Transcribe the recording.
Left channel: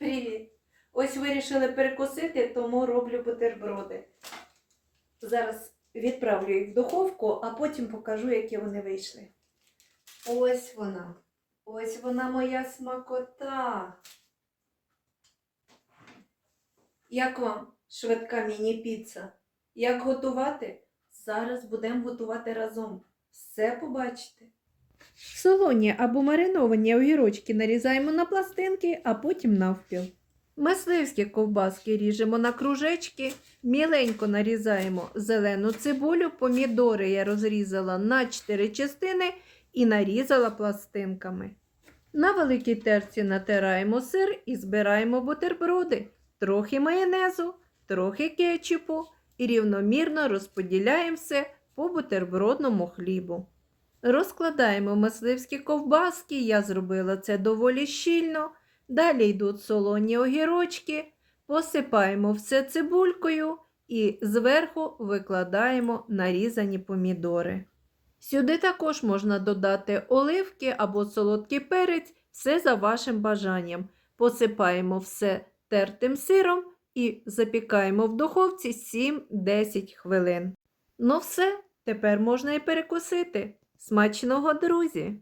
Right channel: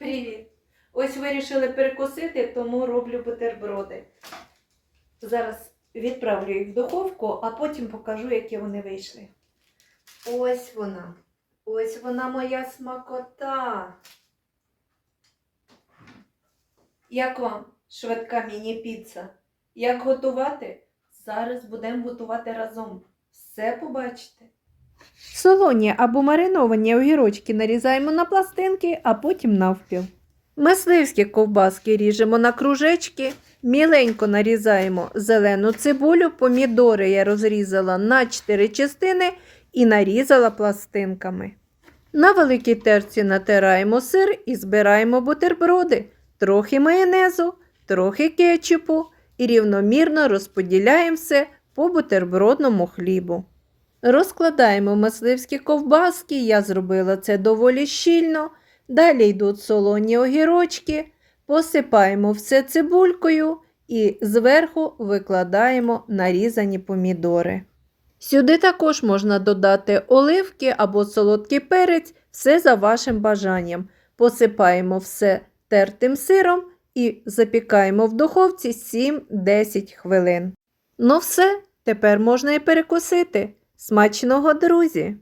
Привіт! Ось вирішили перекусити, тому роблю бутерброди. Зараз відправлю їх в духовку, а потім покажу, які вони вийшли. Ось вона. Ось вона моя смакота. Як вам швидка міні-піца? Як готувати? Зараз будемо готувати разом. Все побачите. Солоні або мариновані огірочки нарізаємо на пластинки, а потім навпіл. Мисливські ковбаски ріжемо на кружечки, міленько нарізаємо зелену цибулю, помідори я розрізала на 4 частини і нарізала пластинками. На великій терці натираємо сир і збираємо бутерброди, трохи майонезу, трохи кетчупу і рівномірно розподіляємо все по бутербродному хлібу. Розкладаємо мисливські ковбаски, я зробила це доволі щільно. Далі йдуть солоні огірочки, посипаємо все цибулькою і зверху викладаємо нарізані помідори. Сюди також можна додати оливки або солодкий перець, все за вашим бажанням. Посипаємо все тертим сиром і запікаємо в духовці 7-10 хвилин. Ну все, тепер можна і перекусити. Смачного, друзі!